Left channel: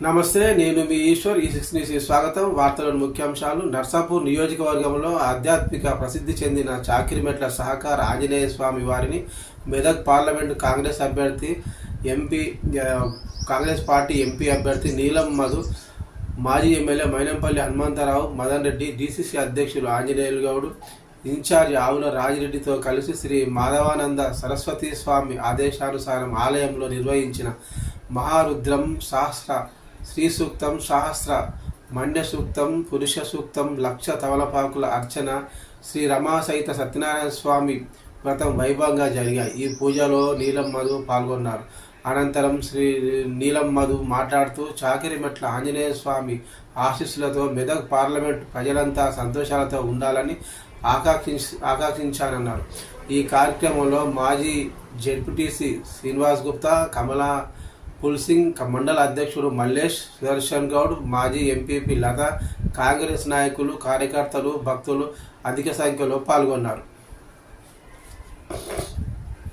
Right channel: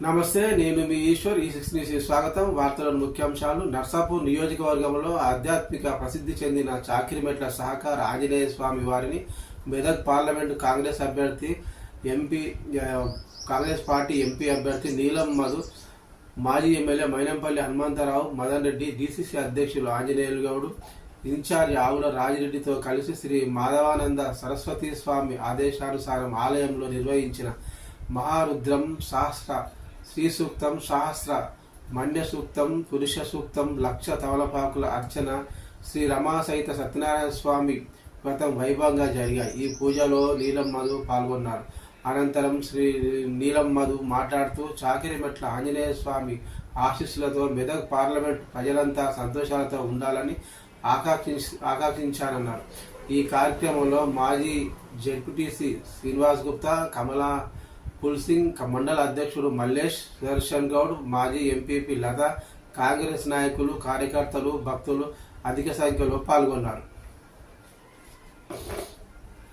నమస్తే నేను మీ ఈశ్వర్ ఈ సిక్స్ న్యూస్ స్వాగతం. వార్తలను ముఖ్యాంశాలు. నర్సాపూర్ నియోజకవర్గంలో ఆధ్యాత్మిక ప్రసిద్ధి చెందిన చాకిరిమెట్ల సహకార ఆంజనేయ స్వామి వారిని మెదక్ పార్లమెంటు కాంగ్రెస్ అభ్యర్థి ఎంపీ కాంగ్రెస్ పార్టీ ఎంపీ అభ్యర్థి నీలం మధు మాజీ ఎమ్మెల్యే మైనంపల్లి హనుమంతరావు మదన్ రెడ్డి డీసీసీ అధ్యక్షులు ఆంజనేయులు గౌడ్ ఇన్ఛార్జి ఆవుల రాజిరెడ్డితో కలిసి శ్రీ మాధవానంద సరస్వతి స్వామి ఆదేశానుసారం ఆలయంలో నిర్వహించిన మహారుద్రం సహస్ర శ్రీ సూక్తం సహస్ర మండ్య సూక్తం పురుష సూక్తం లక్ష తవలపాకుల అర్చన శ్రీ రమా సహిత సత్యనారాయణ స్వామి వ్రతం వైభవంగా జరిగాయి. ఈ పూజలో నీలం మధు పాల్గొన్నారు. అనంతరం శ్రీ నీలం మధు మాట్లాడుతూ చాకిరిమెట్ల ఆంజనేయ స్వామి ఆశీస్సులతో మెదక్ పార్లమెంట్ ప్రజలంతా సంతోషాలతో ఉండాలని ఆకాంక్షి ఆకాంక్షించానన్నారు. ఈ కార్యక్రమంలో మాజీ జెడ్పీటీసీ శ్రీనివాస్ గుప్తా కమలా పుల్సింగ్ క- మండల అధ్యక్షుడు మల్లేష్ సుదర్శన్ గౌడ్ మాజీ ఎంపీపీ లత కాంగ్రెస్ నాయకులు కార్యకర్తలు భక్తులు అధిక సంఖ్యలో పాల్గొన్నారు.